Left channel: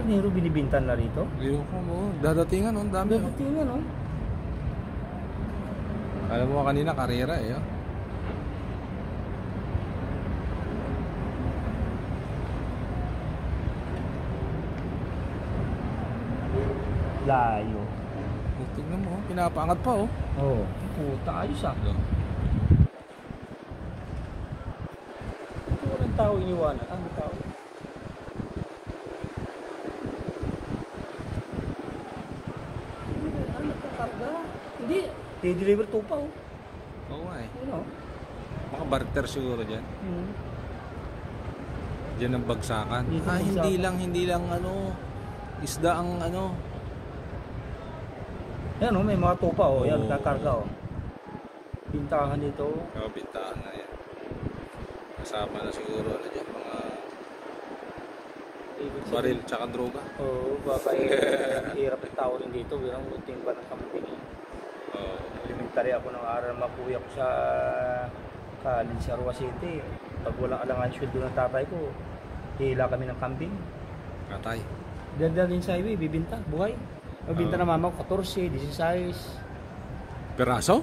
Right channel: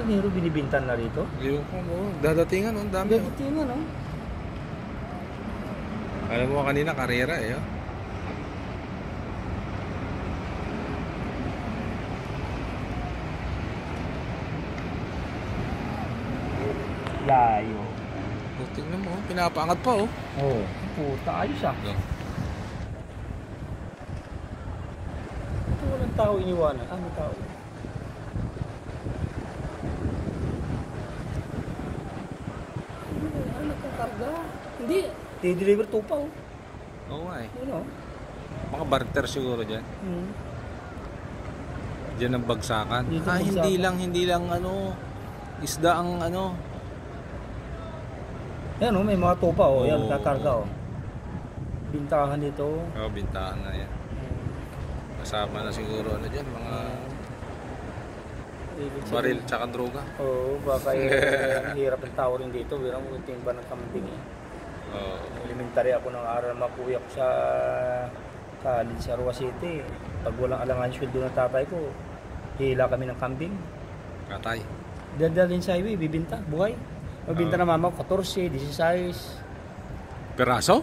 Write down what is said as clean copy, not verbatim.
Nero binibintan na rito? Ewan ko mo. Dadatingan, ang dami. Dadatingan, no? Alam mo kanina, karera eh. Oh. Layo. Oh, tingnan mo, pinapaangat pa oh. Oo. Puta, ayos ah. Yeah. Ito walang tao iniwanan. Ano tao? Ano pang karga? Hindi. I-deliver to pa oh. Oo nga eh. Ano? Mga barter siguro dyan. Diyan ang bagsakan. Dito Ah, bagsakan. hindi lang ano, isda ang ano. Ayan oh, may mga tupa oh. Ayan, Oo. kakarga oh. Bintangan dito. Oo, bintaan na yan. Kasama na siguro ano dyan, mga baril tsaka droga. Oo, babay. Hirap ang tao rin dito. Wirang timba ng kambing eh. Oo. Elementary ako ng aral, mapuwi ako sa Linsarua City. Pag walang alangan sweldo ng tatay ko, hila kami ng kambing. Katay. Dadalhin sa highway, bibinta, buhay. Mabinta na mama ko, 14, 16. Peraso?